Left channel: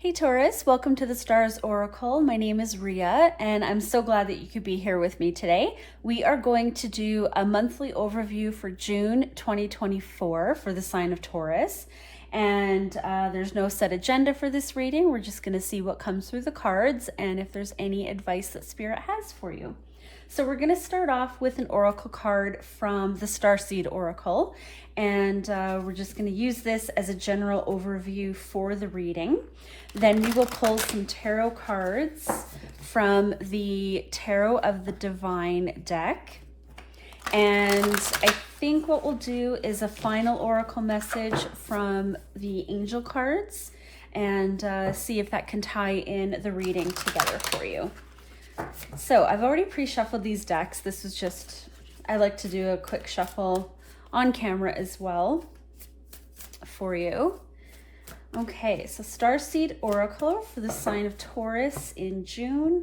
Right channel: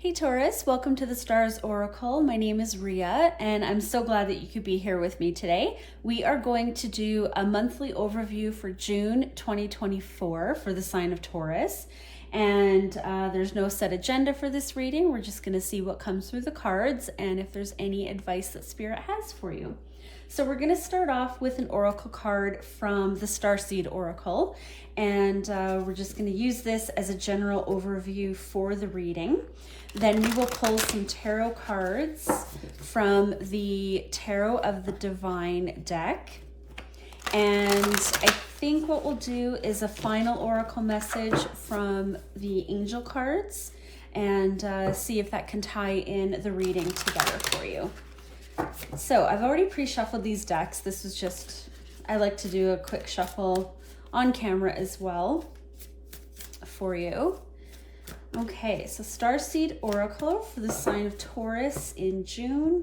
Hey Taurus, welcome to the Stars Oracle. My name is Ria and I'm so glad that you could be here with me today. We are going to do a monthly overview for June 2024 for the sign of Taurus. And there's no set agenda for this reading. We're just going to see what comes through the cards and if there's any advice that Spirit has for you. So we're going to start off with an oracle card from the Starseed Oracle, and we're just going to use this as a general overview for the reading. Then we will pull some tarot cards from the Tarot of the Divine deck. And I think what we'll do is a final oracle message from the angel cards and see if that can tie in the reading together for you. So I've already pre-shuffled these decks. This is just, I like to do a quick shuffle on camera as well for you. Okay, so Starseed Oracle for the sign of Taurus in June.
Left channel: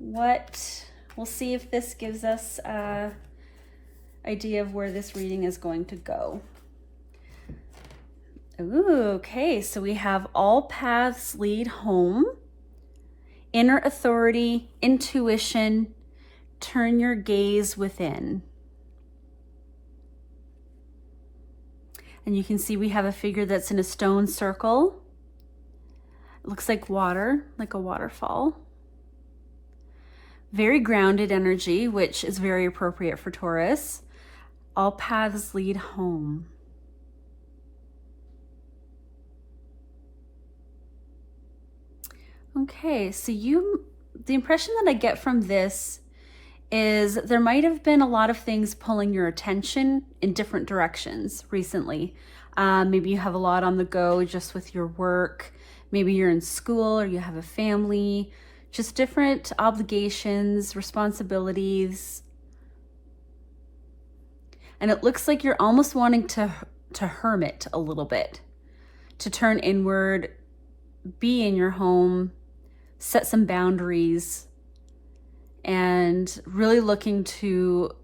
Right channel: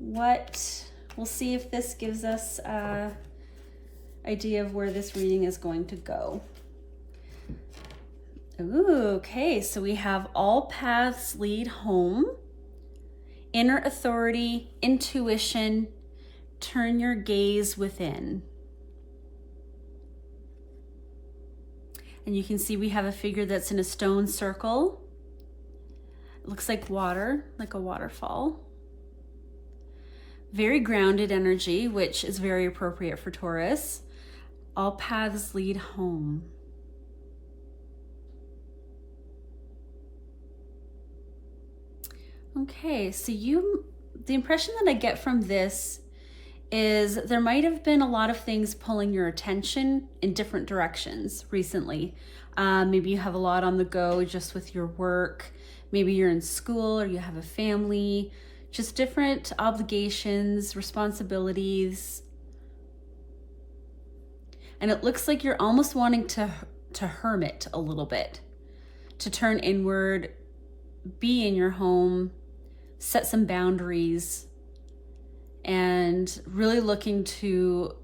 We'll see if this gives us an idea of where this reading is going to go. Ooh, okay, so we have all paths lead home. Inner authority, intuition, turn your gaze within. And you can see we have a figure that's in a stone circle. It looks like water, like a waterfall. Very grounded energy, which is very appropriate for Taurus. All paths lead home. Okay, so the impression that I get from this is there might have been a lot of things pulling your attention in different directions recently. Maybe you have a lot on the go just with your work. Maybe you're in school or you have a family, just different obligations, responsibilities. And it looks like you're almost wanting to hermit a little bit, to turn inward, be in your home, set some boundaries, and really looking to,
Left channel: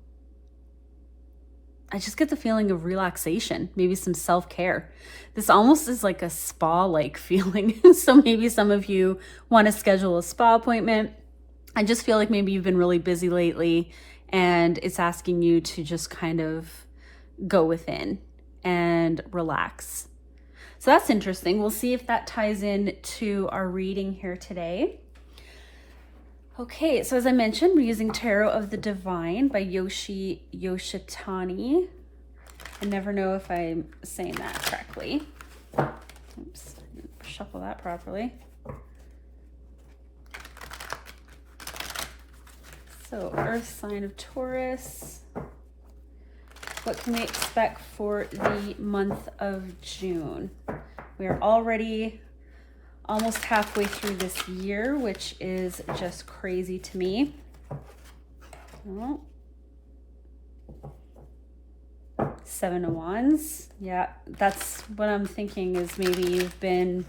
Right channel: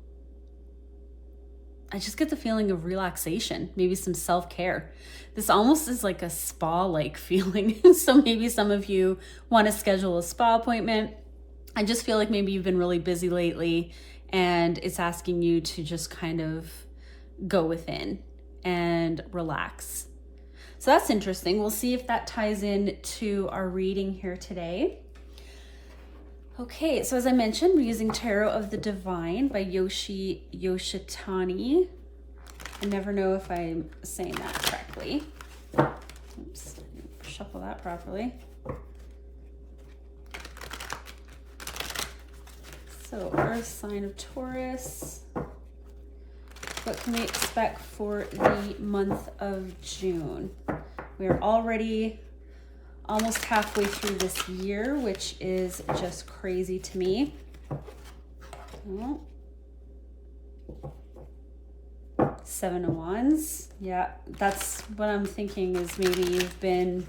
I just get the feeling of relaxation, maybe some self-care. This almost is like a spa-like feeling. So maybe some of you want to schedule a spa appointment. I just feel like maybe you've been really busy lately and it's asking you to just kind of go within and relax. So that's interesting. We'll see if that ties in to our reading here today. Okay, so as I mentioned, we're using Tarot of the Divine by Yoshitani. I never know if I'm saying that correctly. Oops, shuffle that properly. So, Earth sign of Taurus. What can we expect for the month of June? We are already almost halfway through this year, which is just crazy to me. Well, 7 of Wands. Yeah, that's what I'm thinking is maybe you've been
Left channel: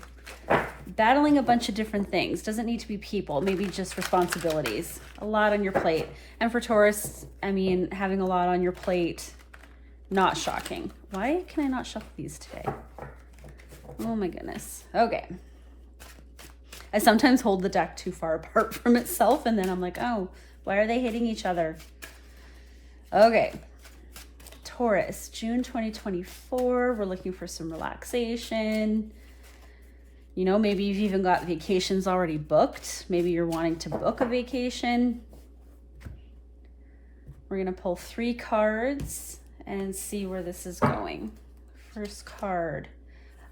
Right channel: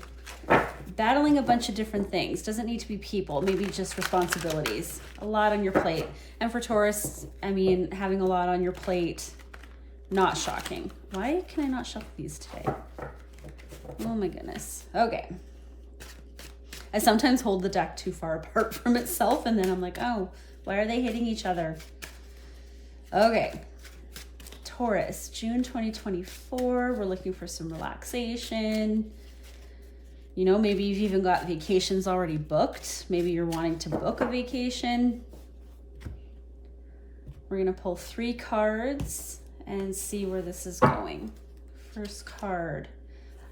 battling a bunch of different things. Doesn't need to be people, maybe just responsibilities. A lot on your plate. And for Taurus, I mean, having a lot on your plate, not shocking. Why can I not shuffle these today? Oh my goodness. Okay. I sometimes hold the deck too far apart from itself and then I'm like, oh, why are they hitting each other? Okay. Taurus, June 2024. We're looking for some relaxation. You know, maybe you've even got vacations already booked. Maybe you're wanting to book a vacation. We're going to pull 3 cards and see where this is going. First card.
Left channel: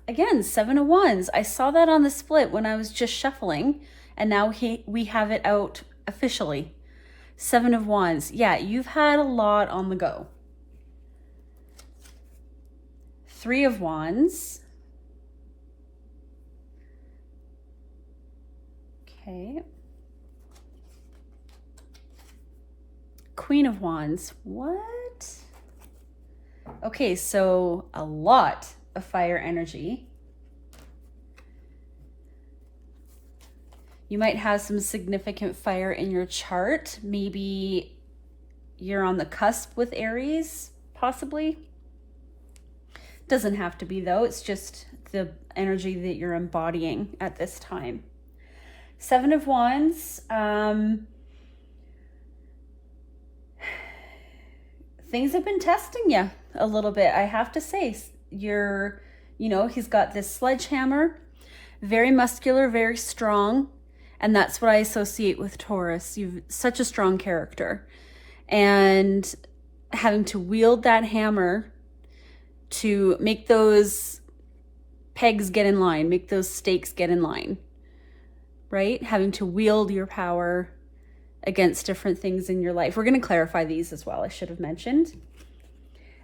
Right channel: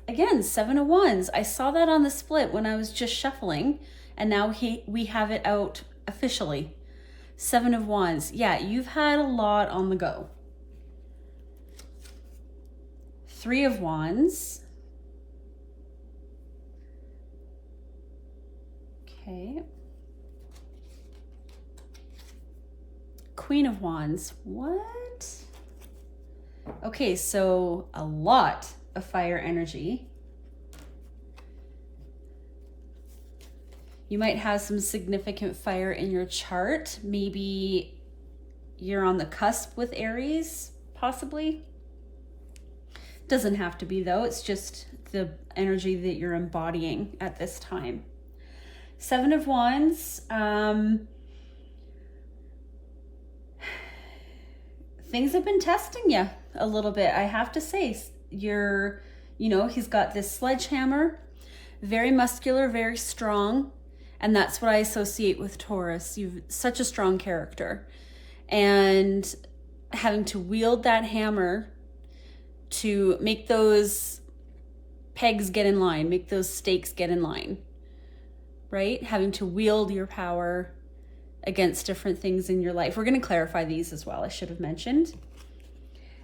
Again, 7 of Wands. I saw that on the split when I was just shuffling, and now we have it out officially. 7 of Wands. Yeah, you've had a lot on the go. 3 of Wands. Okay. Queen of Wands. What? Okay, so a lot of fire energy. You might have some significant fire in your chart. Maybe you're on the cusp with Aries, possibly. Doesn't have to be though. It's just the energy that you're embodying at this time. Seven of Wands, things have been testing you a little bit, I have to say. He's got this sledgehammer, very muscular, very strong, and that's what I associate with Taurus. You've such a strong character, and having to wield that hammer to make those pegs get in line, make those stakes get in line, right? Having to wield your power against different things in your life. We're going to clarify these as well, I should have mentioned.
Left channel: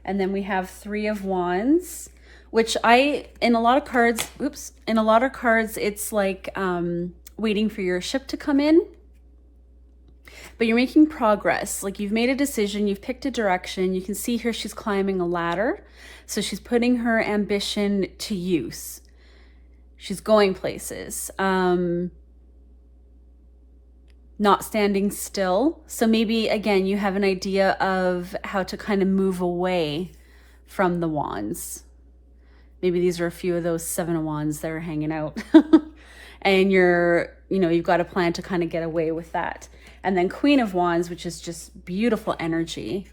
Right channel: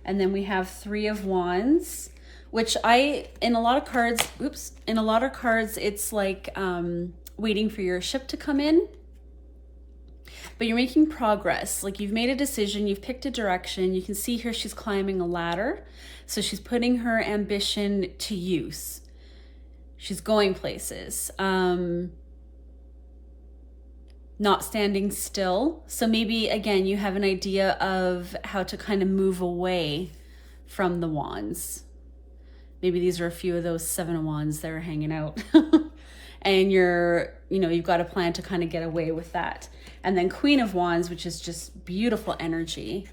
And then we have Three of Wands, which in a lot of cards, it's like waiting for your ship to come in. But you're making progress. Like, you've made a decision, you've picked a direction. You can see here she's climbing a ladder. So she's putting her ambition to use. She's going places. Not standing still. So maybe, again, you have an idea of how to kind of move away from the wands. Maybe these are a few of those Seven of Wands that are hanging out. And you've got a plan to kind of get away with that. And then Queen of Wands, which is just beautiful energy.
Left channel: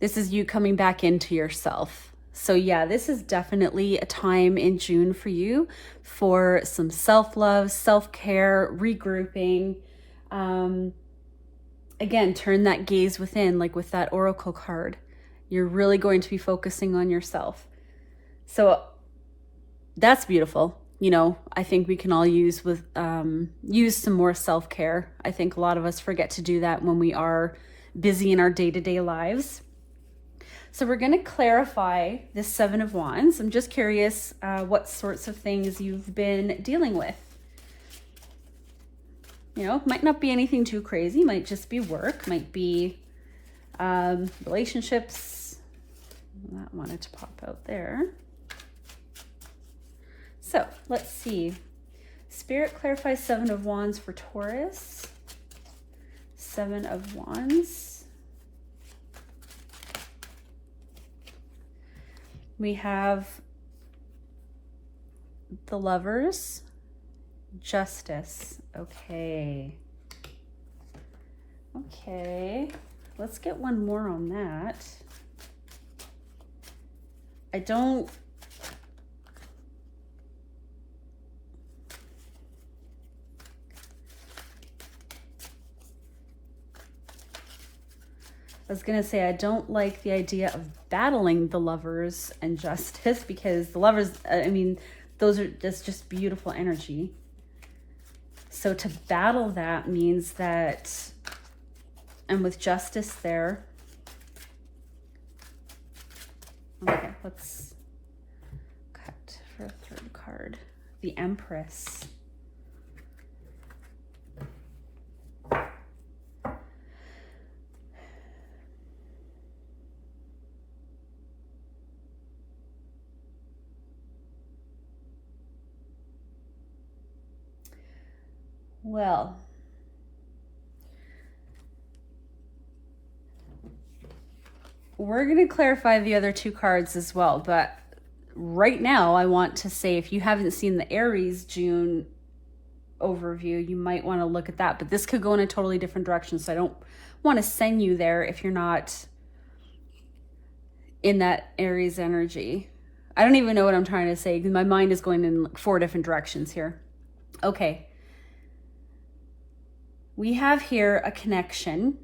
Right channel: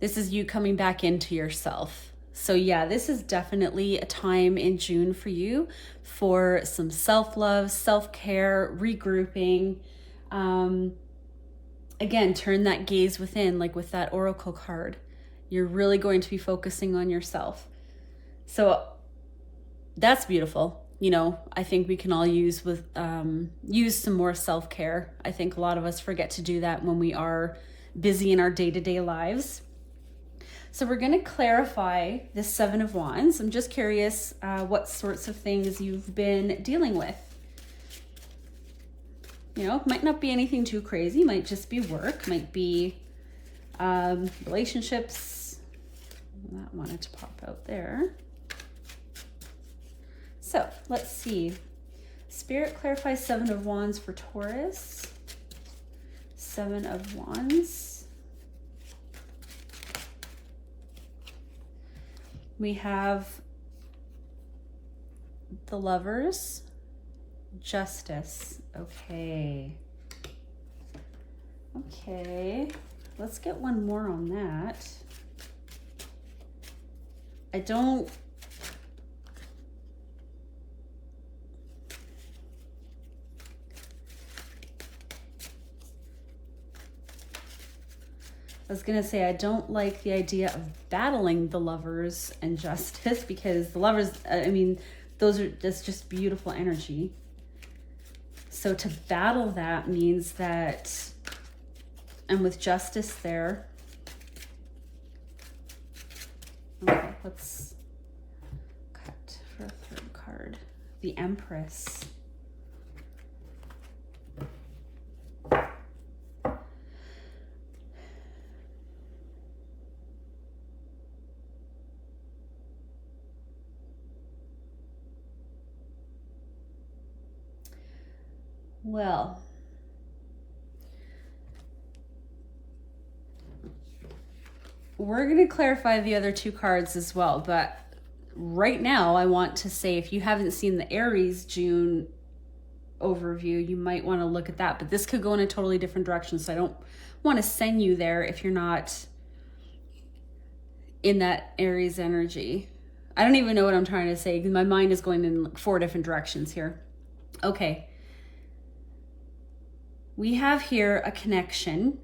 This is you coming back into yourself. So yeah, this is definitely a time in June for you for some self-love, self-care, regrouping. Again, turn that gaze within, like with that Oracle card. You're really going to be focusing on yourself. So that's beautiful. I think we can all use some more self-care. I think a lot of us forget to do that when we are busy in our day-to-day lives. So we're going to clarify the Seven of Wands. I'm just curious what sorts of things you've been dealing with. It might not be anything too crazy. Might just be work. Might be relationships. That wanted to pop out there. So let's see. Spirit clarifies Seven of Wands for Taurus. Seven of Wands. We have the Lovers. Justice. Okay. Let's get one more on that. I was going to say, I don't like the idea of battling the Lovers and Justice, because the Lovers, those are just beautiful energy. So to battle that means that, and with Justice there, okay, let's cut for a third card. The Empress. Well, we're going to clarify the other two cards as well, but right now I want to say, if you haven't seen the Aries June overview, you might want to look at that, but this could go in a totally different direction, so I don't want to send you there if you're not in that Aries energy. I don't even know what I'm trying to say because my mind is going in 4 different directions here. Okay. We have here a connection.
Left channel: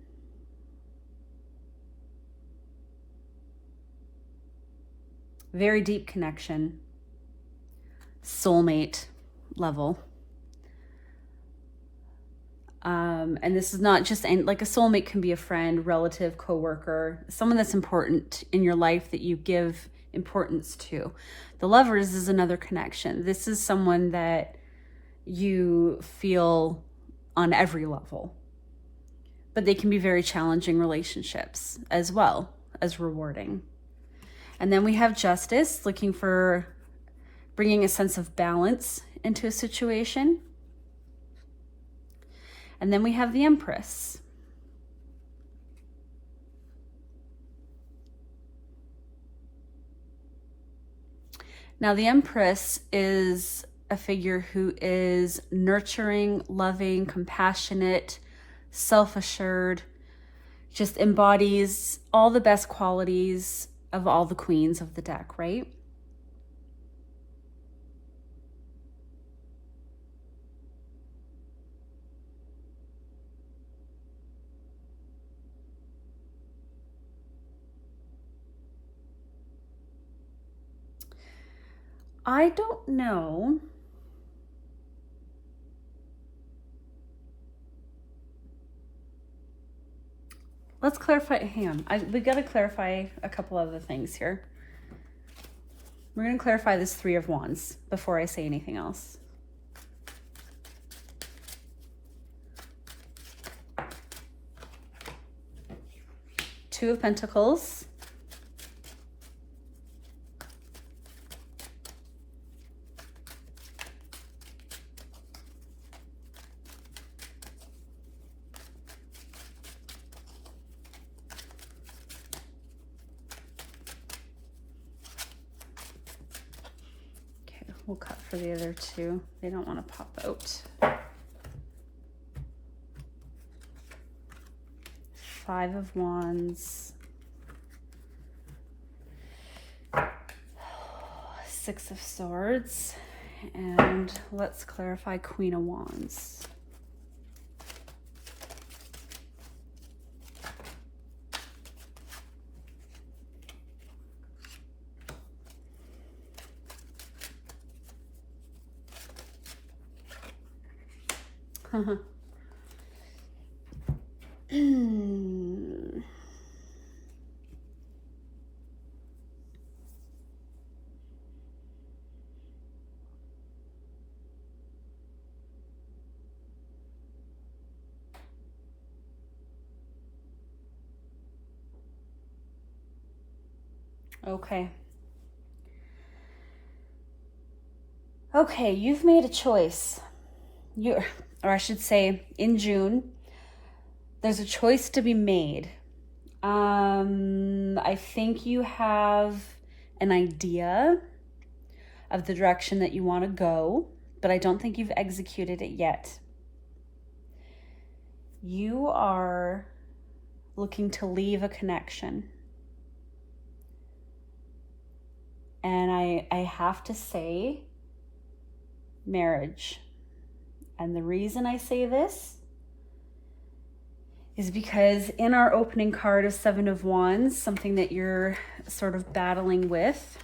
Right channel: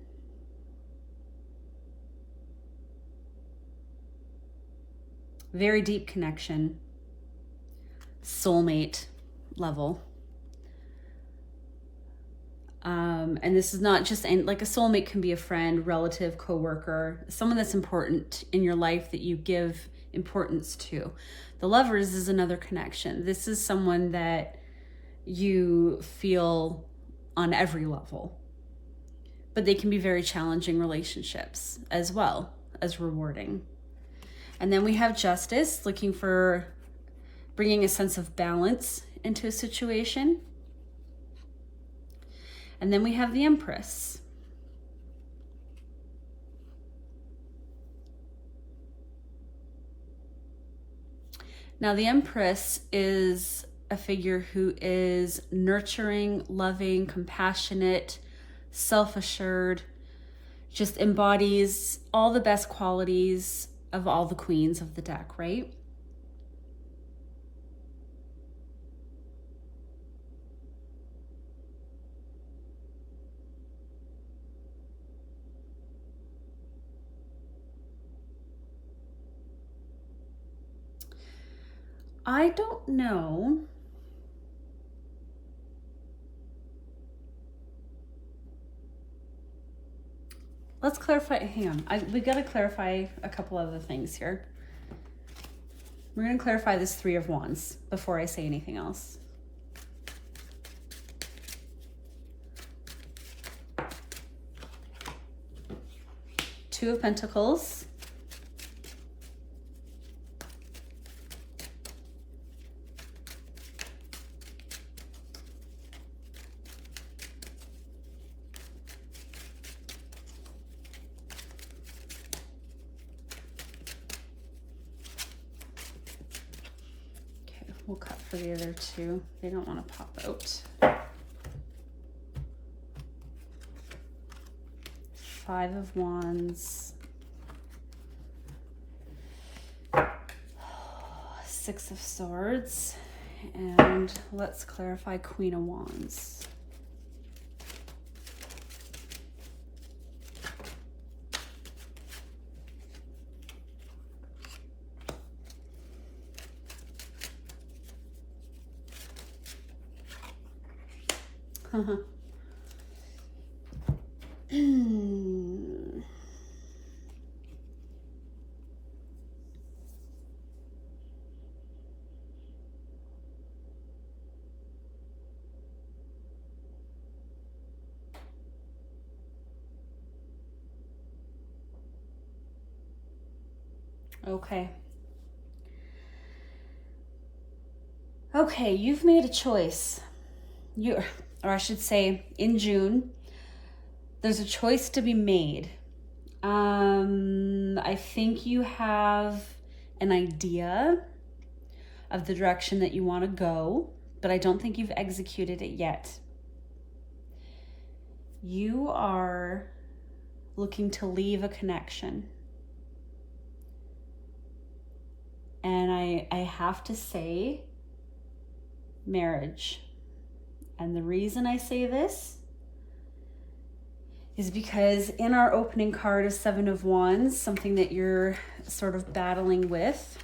Very deep connection. Soulmate level. And this is not just, like, a soulmate can be a friend, relative, coworker, someone that's important in your life that you give importance to. The Lovers is another connection. This is someone that you feel on every level, but they can be very challenging relationships as well as rewarding. And then we have Justice, looking for bringing a sense of balance into a situation. And then we have the Empress. Now, the Empress is a figure who is nurturing, loving, compassionate, self-assured, just embodies all the best qualities of all the queens of the deck, right? I don't know. Let's clarify. Hang on. We got to clarify a couple other things here. We're going to clarify this Three of Wands before I say anything else. Two of Pentacles. We'll cut for the other two. They don't want to pop out. Five of Wands. Six of Swords. And let's clarify Queen of Wands. Okay. Okay, you've made a choice. Or I should say, in June, there's a choice to be made. I think you have an idea of the direction that you want to go, but I don't think you've executed it yet. You are looking to leave a connection. And I have to say, marriage. And the reason I say this is because in our opening card of Seven of Wands, something that you're sort of battling with,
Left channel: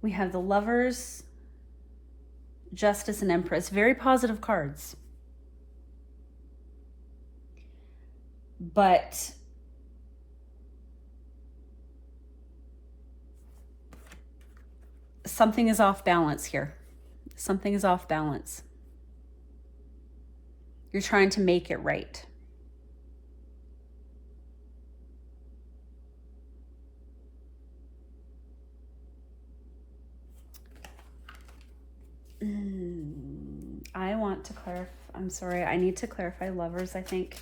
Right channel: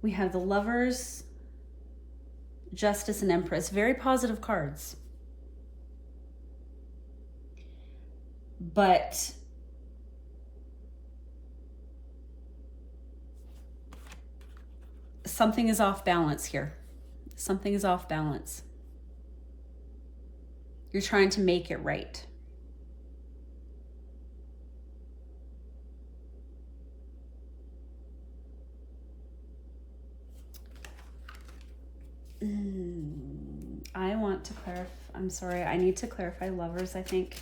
we have the Lovers, Justice, and Empress. Very positive cards. But something is off balance here. Something is off balance. You're trying to make it right. I want to clarify. I'm sorry, I need to clarify Lovers, I think.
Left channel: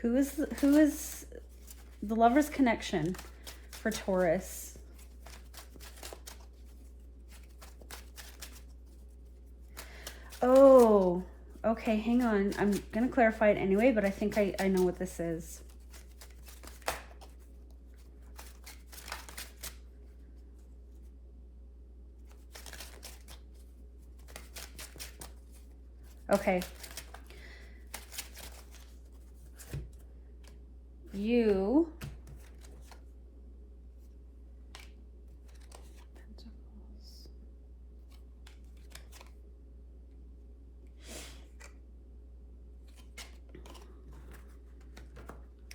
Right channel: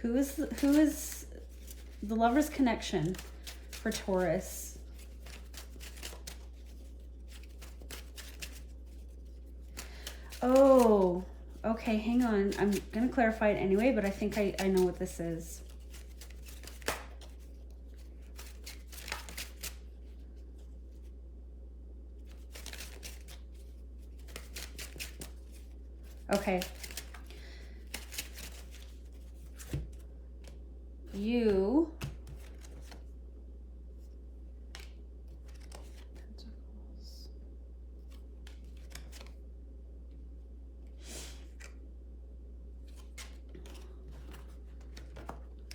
Who is the Lover's connection for Taurus? Oh, okay, hang on. I'm going to clarify it anyway, but I think I know what this is. Okay. You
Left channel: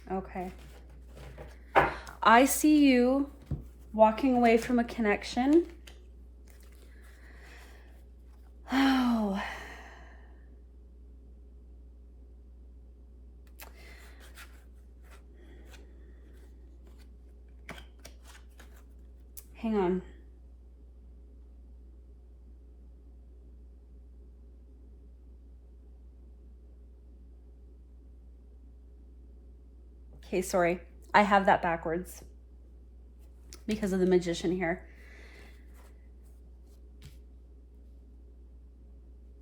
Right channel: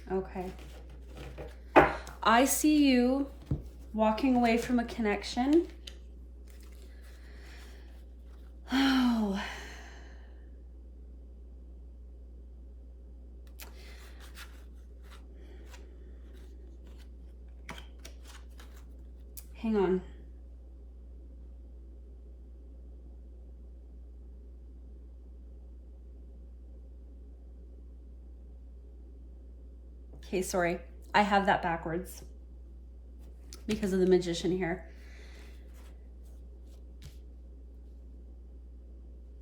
okay. I see you walking away from a connection. Oh. Hang on. Okay, sorry. I have that backwards because of the Magician here.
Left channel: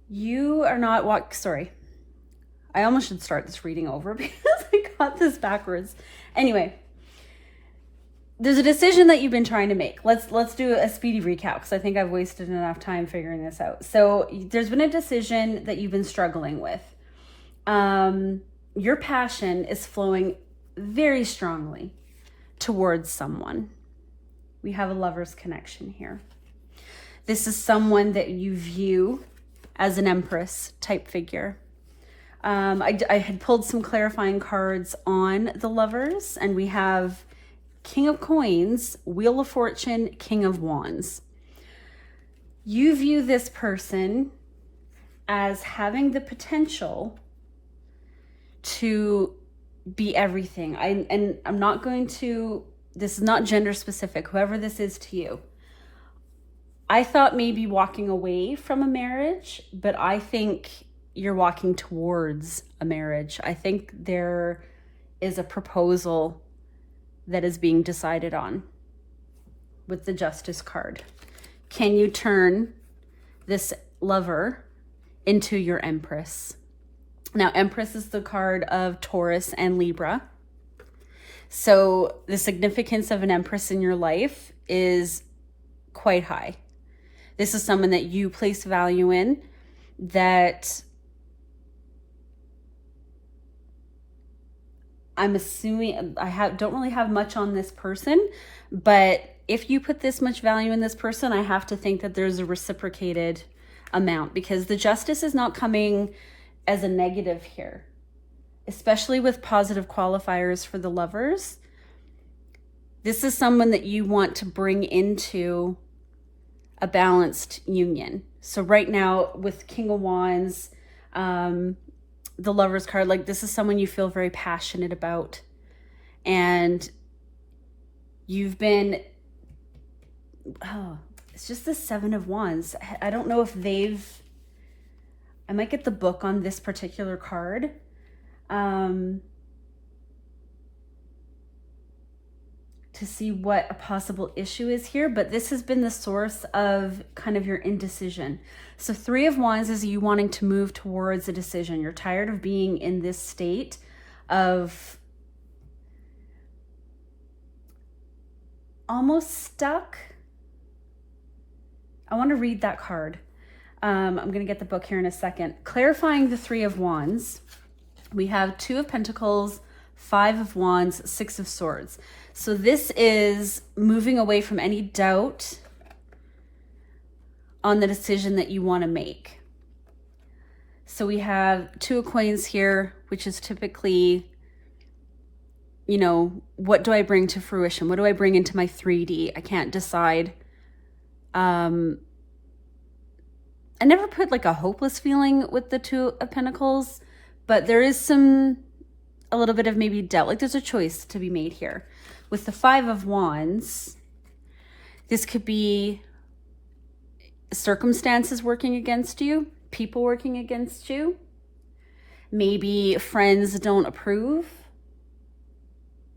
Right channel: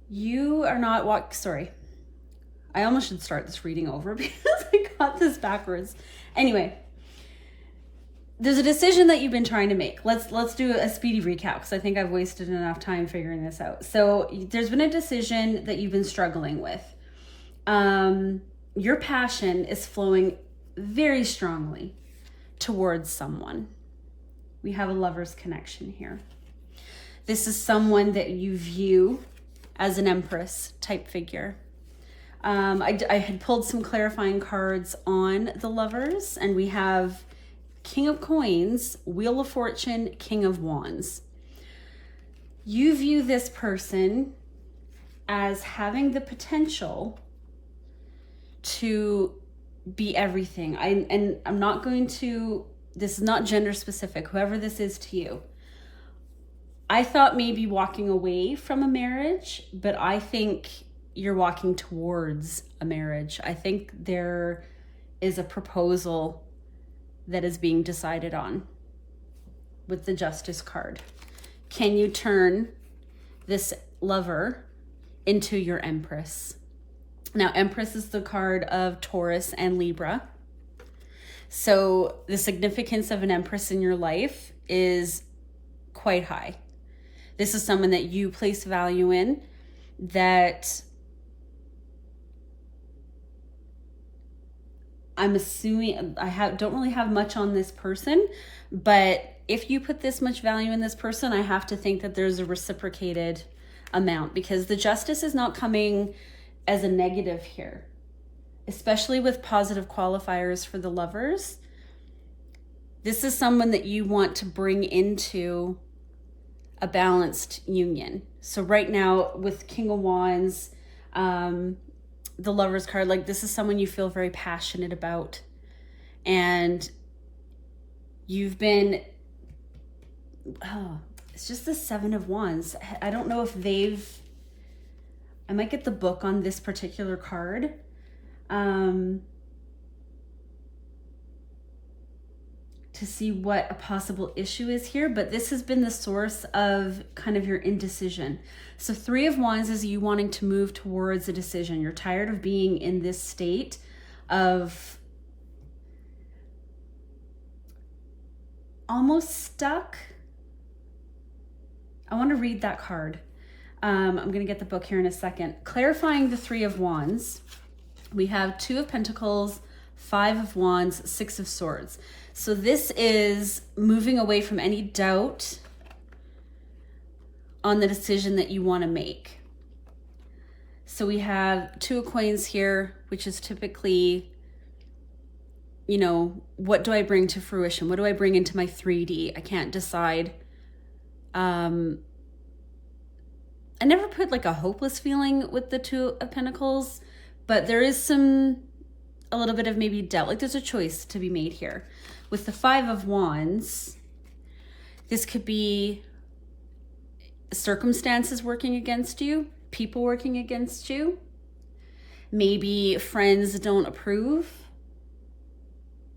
You are not sorry. I almost should start this reading over because I got this backwards. Anyway, there's a decision that you've been trying to make. Let's do a speedy recap because I think I've wasted enough time figuring this out. So there's been a decision that you've been struggling with. Your passion is flowing very strongly towards someone. We have a lover's connection here. This is someone that you view as an Empress type figure. I had pulled some clarifying cards on the lovers, and we have King of Coins, Wheel of Fortune, King of Wands. You view this person as having the potential to be everything. I'm not going to, this is not gender specific, whoever this is to you. I thought maybe walking away from a marriage, but I think you're walking towards a marriage. I think there is a proposal that is being decided on with the Justice card. Can you turn this lover into your Empress? Now, Empress is the card of Taurus and Libra. So the significance of an Empress in your life is quite high. This is someone that you place value in, that I'm assuming, don't really have much on this person, but if you put this much value in this person, I have to think that there's a reciprocated amount, because the Justice is not coming as a negative here, especially with positive qualifiers for the lovers. This is someone that you want to bring into a balanced union. So right now with King of Wands, the Lover's card, like this is someone you feel very passionate about, and you've been, it's just the Seven of Wands. I don't know if I might get the book on this particular card. To see what a possible issue is here, but this has been the source of kind of your indecision. So Three of Wands is you wanting to move towards a decision. You're tired of being in this state of almost stuck. I want to read that card. I'm going to get the book here in a second. Clarifying the Three of Wands, we have Two of Pentacles, Five of Wands, Six of Swords. So this is moving away from any doubt on the decision that you want to make. So we have Two of Coins here, which is typically, you know, what do I bring to fruition? What do I bring into my 3D? I can't decide. I never put like a hopeless feeling with the Two of Pentacles, but there is a little bit of maybe doubt. Like there's a choice to be made here. With the Five of Wands, this could be circumstances working against you, people working against you. Maybe friends don't approve,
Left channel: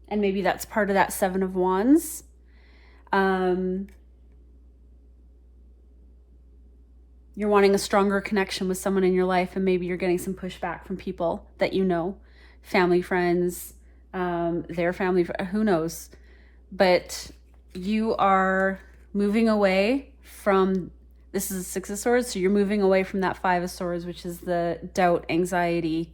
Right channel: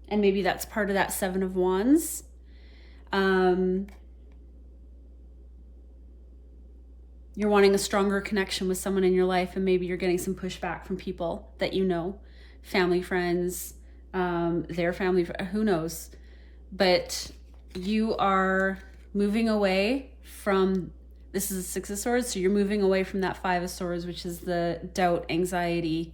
and maybe that's part of that Seven of Wands. You're wanting a stronger connection with someone in your life, and maybe you're getting some pushback from people that you know, family, friends, their family, who knows. But you are moving away from, this is a Six of Swords, so you're moving away from that Five of Swords, which is the doubt, anxiety.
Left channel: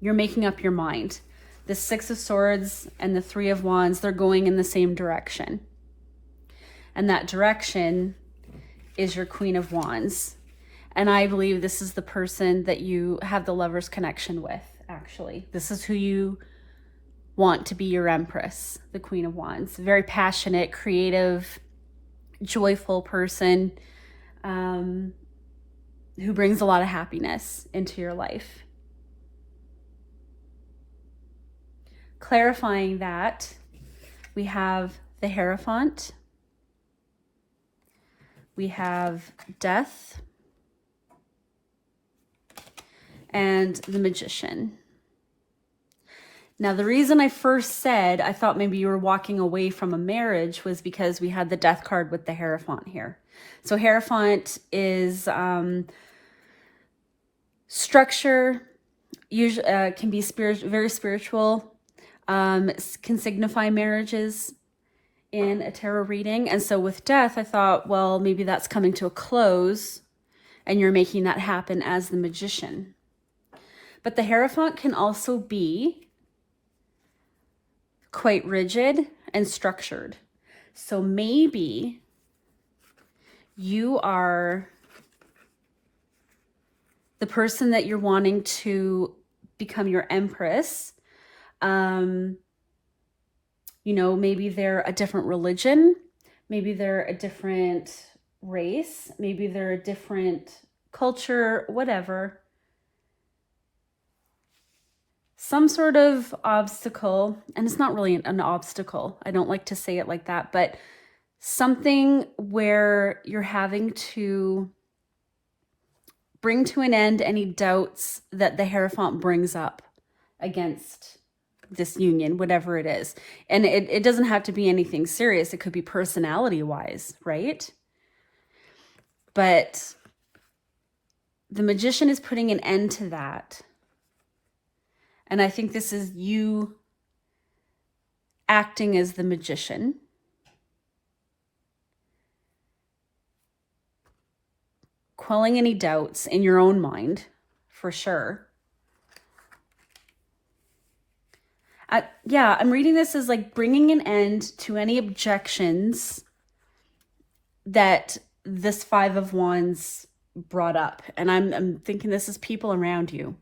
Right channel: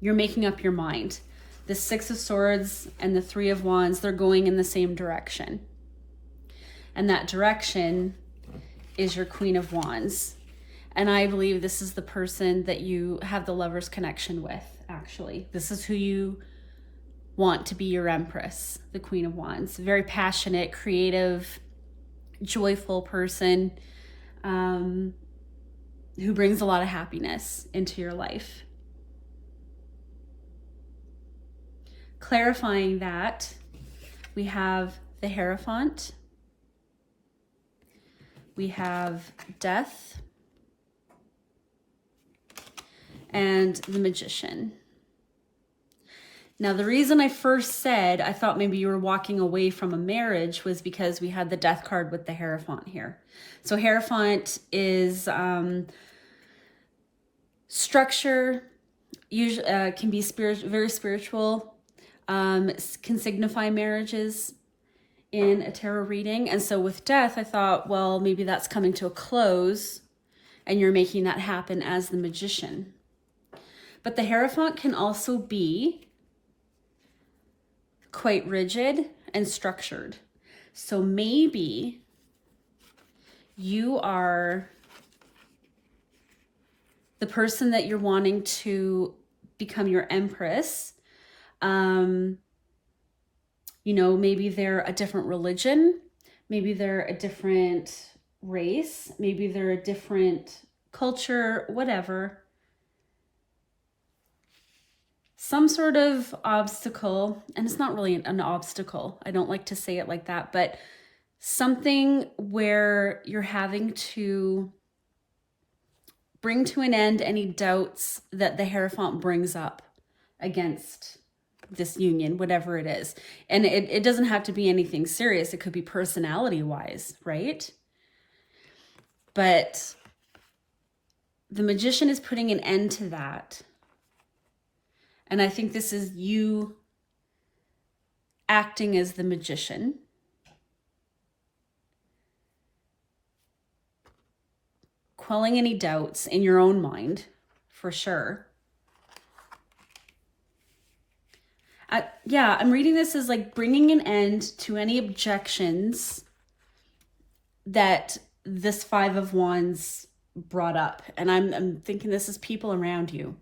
You're making up your mind. The Six of Swords and the Three of Wands, they're going in the same direction. And that direction is your Queen of Wands. And I believe this is the person that you have the Lover's connection with, actually. This is who you want to be your Empress, the Queen of Wands. Very passionate, creative, joyful person who brings a lot of happiness into your life. Clarifying that, we have the Hierophant, we have Death, and the Magician. Now, the reason I first said I thought maybe you were walking away from a marriage was because we had the Death card with the Hierophant here. So Hierophant is structure, usually can be very spiritual, can signify marriages in a tarot reading. And so with Death, I thought, well, maybe that's coming to a close and you're making that happen as the Magician. But the Hierophant can also be quite rigid and structured. So maybe you are the person that you're wanting to become your Empress. You know, maybe they're a different religion, maybe they're a different race, maybe they're a different culture, whatever. Some sort of obstacle, and it's not really an obstacle, I don't like to say it like that, but something where you're having to bring to an end any doubts that the Hierophant brings up against this union, whatever it is. And it doesn't have to be anything serious. It could be personality-wise, right? But the Magician is putting an end to that. And I think this is you acting as the Magician. Quelling any doubts in your own mind, for sure. Yeah, I'm reading this as like bringing an end to any objections that this Five of Wands brought up. And I'm thinking this is people around you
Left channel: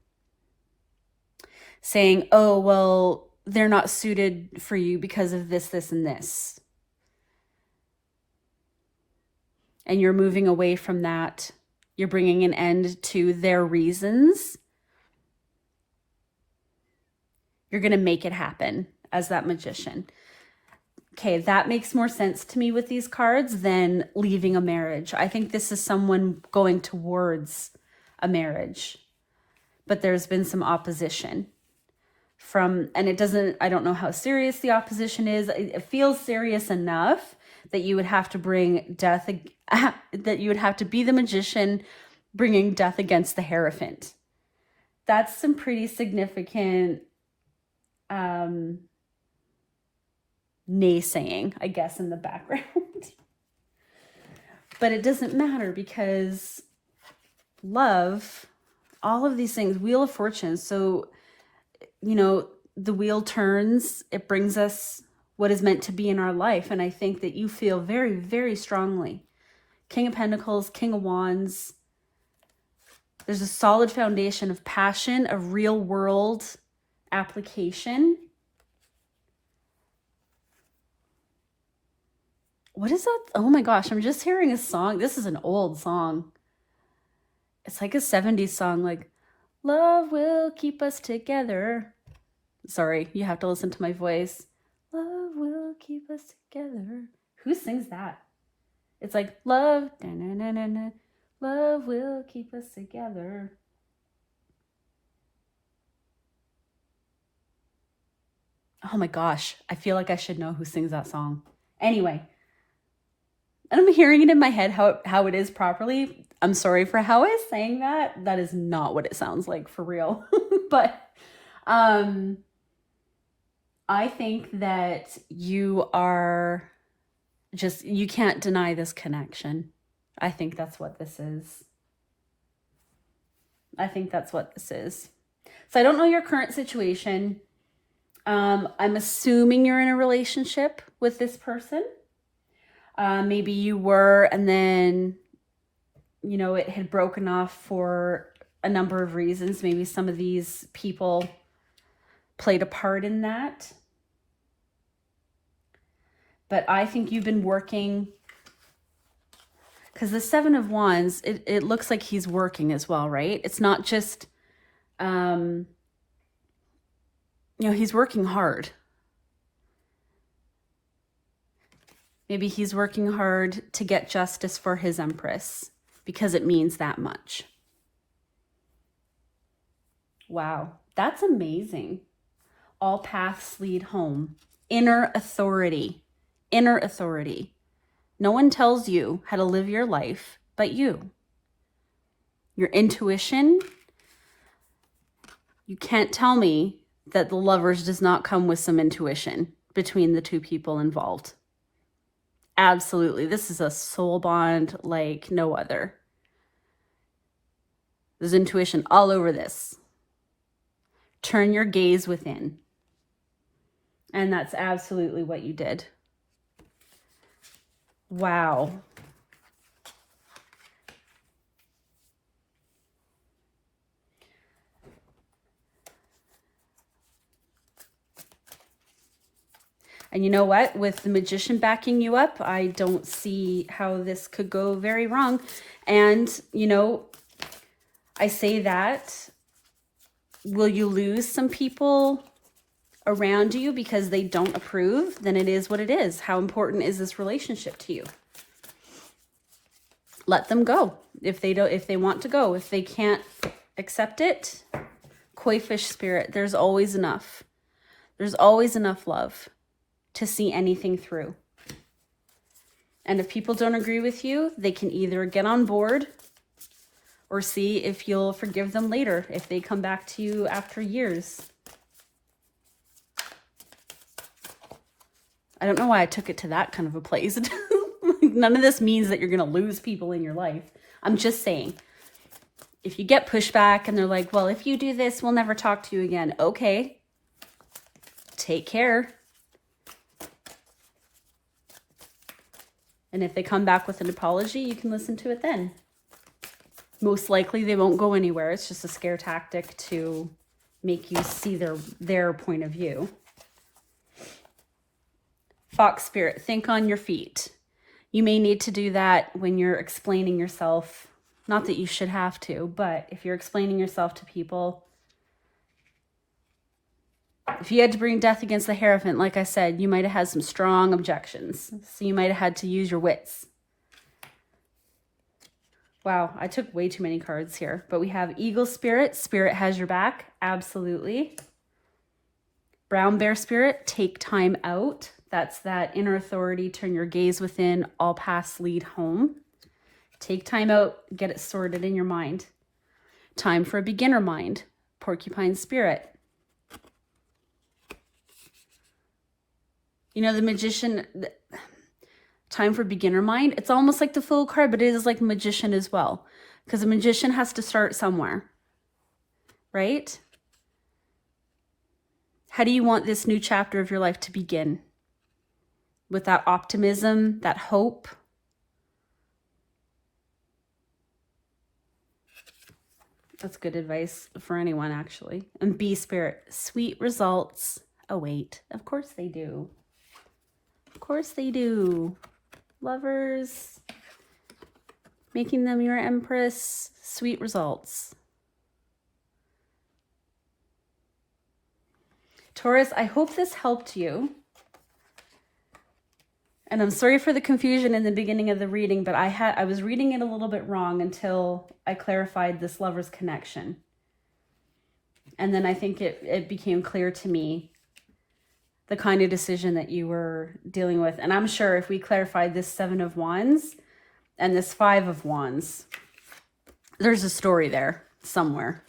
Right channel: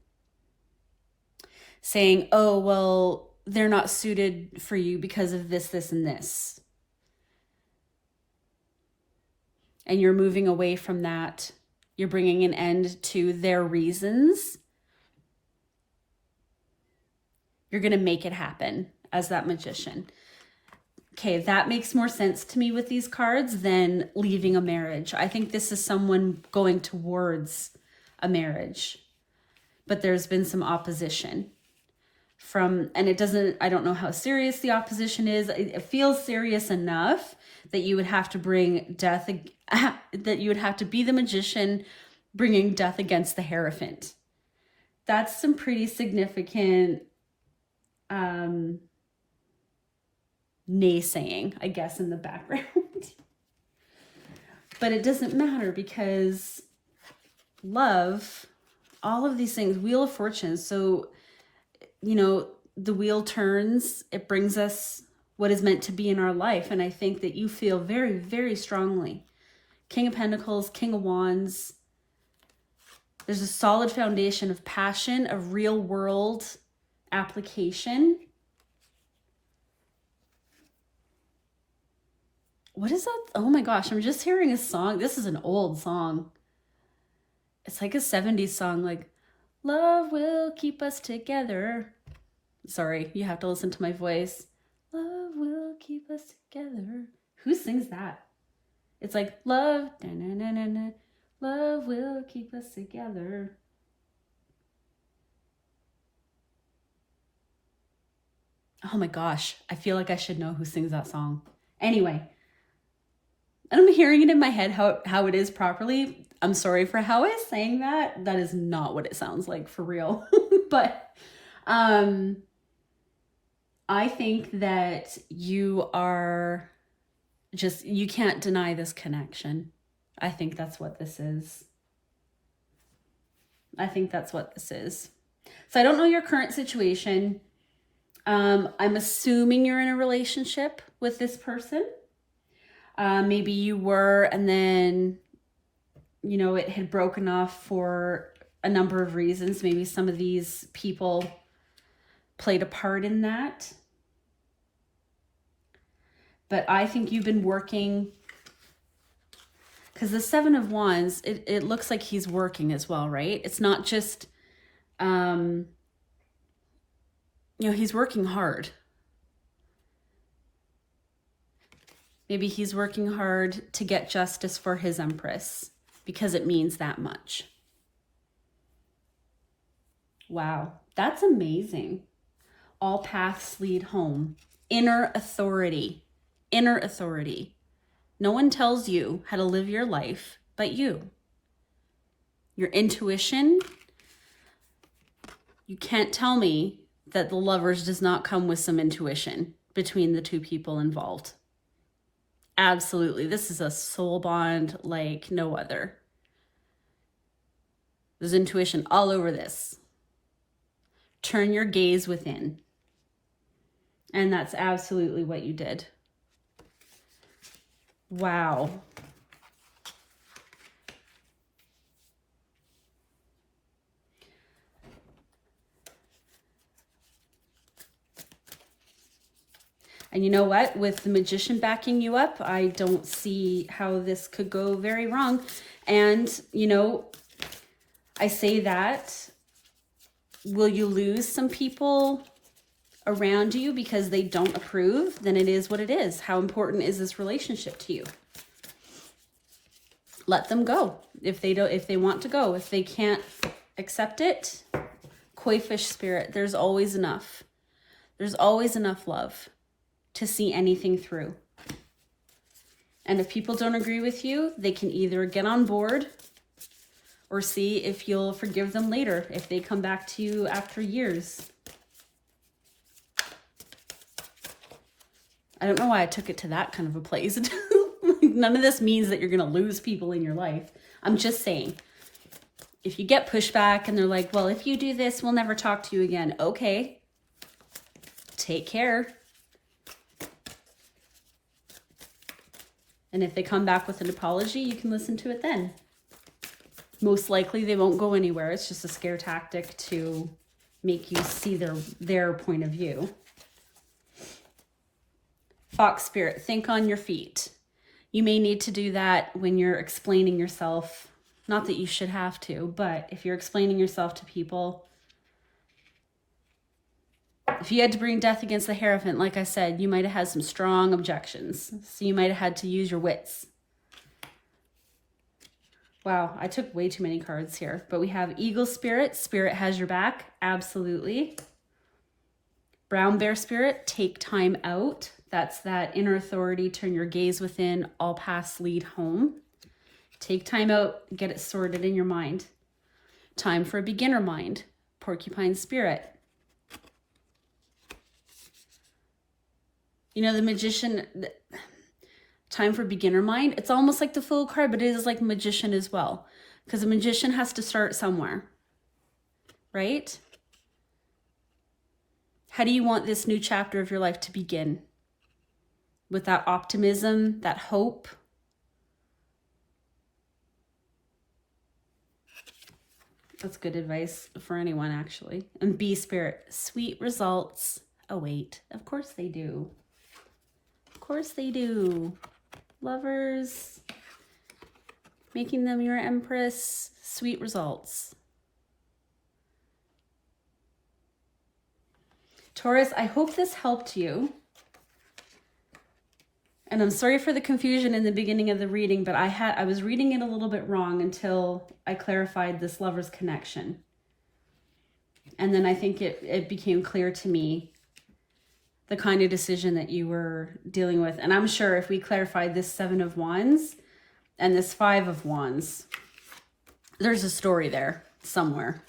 saying, oh, well, they're not suited for you because of this, this, and this. And you're moving away from that. You're bringing an end to their reasons. You're going to make it happen as that Magician. Okay, that makes more sense to me with these cards than leaving a marriage. I think this is someone going towards a marriage, but there's been some opposition from, and it doesn't, I don't know how serious the opposition is. It feels serious enough that you would have to bring Death, that you would have to be the Magician bringing Death against the Hierophant. That's some pretty significant naysaying, I guess, in the background. But it doesn't matter because love, all of these things, Wheel of Fortune. So, you know, the wheel turns, it brings us what is meant to be in our life. And I think that you feel very, very strongly. King of Pentacles, King of Wands. There's a solid foundation of passion, of real world application. What is that? Oh my gosh, I'm just hearing a song. This is an old song. It's like a 70s song, like, love will keep us together. Sorry, you have to listen to my voice. Love will keep us together. Who sings that? It's like, love, na-na-na-na-na, love will keep us together. Oh my gosh, I feel like I should know who sings that song. Anyway, I'm hearing it in my head how it is properly. I'm sorry for how I was saying that. That is not what it sounds like for real. But I think that you are just, you can't deny this connection. I think that's what this is. I think that's what this is. So I don't know your current situation. I'm assuming you're in a relationship with this person. Maybe you were, and then, you know, it had broken off for a number of reasons. Maybe some of these people played a part in that. But I think you've been working, because the Seven of Wands, it looks like he's working as well, right? It's not just, you know, he's working hard. Maybe he's working hard to get justice for his Empress because it means that much. Wow, that's amazing. All paths lead home. Inner authority. Inner authority. No one tells you how to live your life but you. Your intuition. You can't tell me that the Lovers does not come with some intuition between the two people involved. Absolutely. This is a soul bond like no other. There's intuition all over this. Turn your gaze within. And that's absolutely what you did. Wow. And you know what? With the Magician backing you up, I don't see how this could go very wrong. And, you know, I say that. Will you lose some people around you because they don't approve? Then it is what it is. How important is this relationship to you? Let them go. If they don't, if they want to go, if they can't accept it, koi fish spirit, there's always enough. There's always enough love to see anything through. And if people don't agree with you, they can either get on board or see if you'll forgive them later, if they come back to you after years. I don't know why I took it to that kind of a place. None of this means that you're going to lose people in your life. I'm just saying, if you get pushback and they're like, well, if you do this, we'll never talk to you again. Okay. Take care. And if they come back with an apology, you can listen to it then. Most likely they won't go anywhere. It's just a scare tactic to make you see their point of view. Fox spirit, think on your feet. You may need to do that when you're explaining yourself. Not that you should have to, but if you're explaining yourself to people, if you had to bring death against the Hierophant, like I said, you might have had some strong objections. So you might have had to use your wits. Wow, I took way too many cards here. But we have Eagle Spirit. Spirit has your back. Absolutely. Brown Bear Spirit, take time out. That's that inner authority. Turn your gaze within. All paths lead home. Take time out. Get it sorted in your mind. Time for a beginner mind. Porcupine Spirit. You know, the Magician... Time for beginner mind. It's almost like the Fool card, but it is like Magician as well. Because a magician has to start somewhere. Right? How do you want this new chapter of your life to begin? With that optimism, that hope. That's good advice for anyone, actually. And Bee Spirit, sweet results await. Of course they do. Of course they do. Lovers, making them your Empress, sweet results. Taurus, I hope this helped you. And I'm sorry for the confusion in the beginning of the reading, but I was reading it a little bit wrong until I clarified this Lover's connection. And then I think it became clear to me the kind of decision that you were dealing with. And I'm sure if we clarified this 7 of Wands and this 5 of Wands, there's a story there somewhere.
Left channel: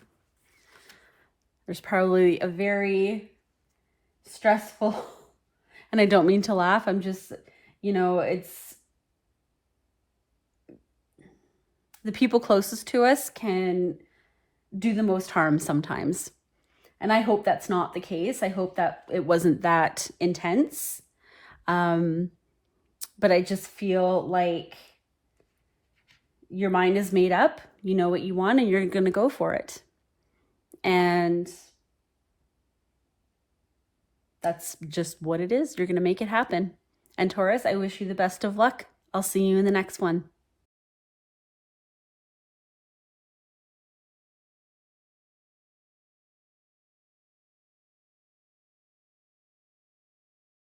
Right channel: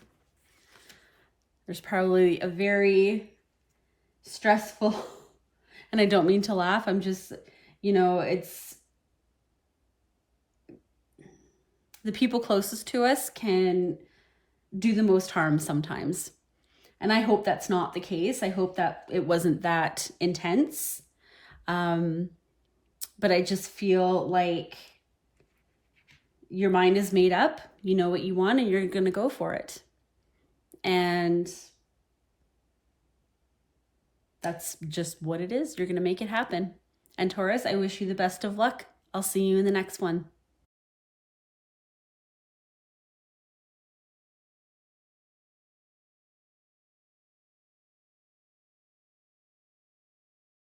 There's probably a very stressful, and I don't mean to laugh, I'm just, you know, it's, the people closest to us can do the most harm sometimes. And I hope that's not the case. I hope that it wasn't that intense. But I just feel like your mind is made up. You know what you want and you're going to go for it. And that's just what it is. You're going to make it happen. And Taurus, I wish you the best of luck. I'll see you in the next one.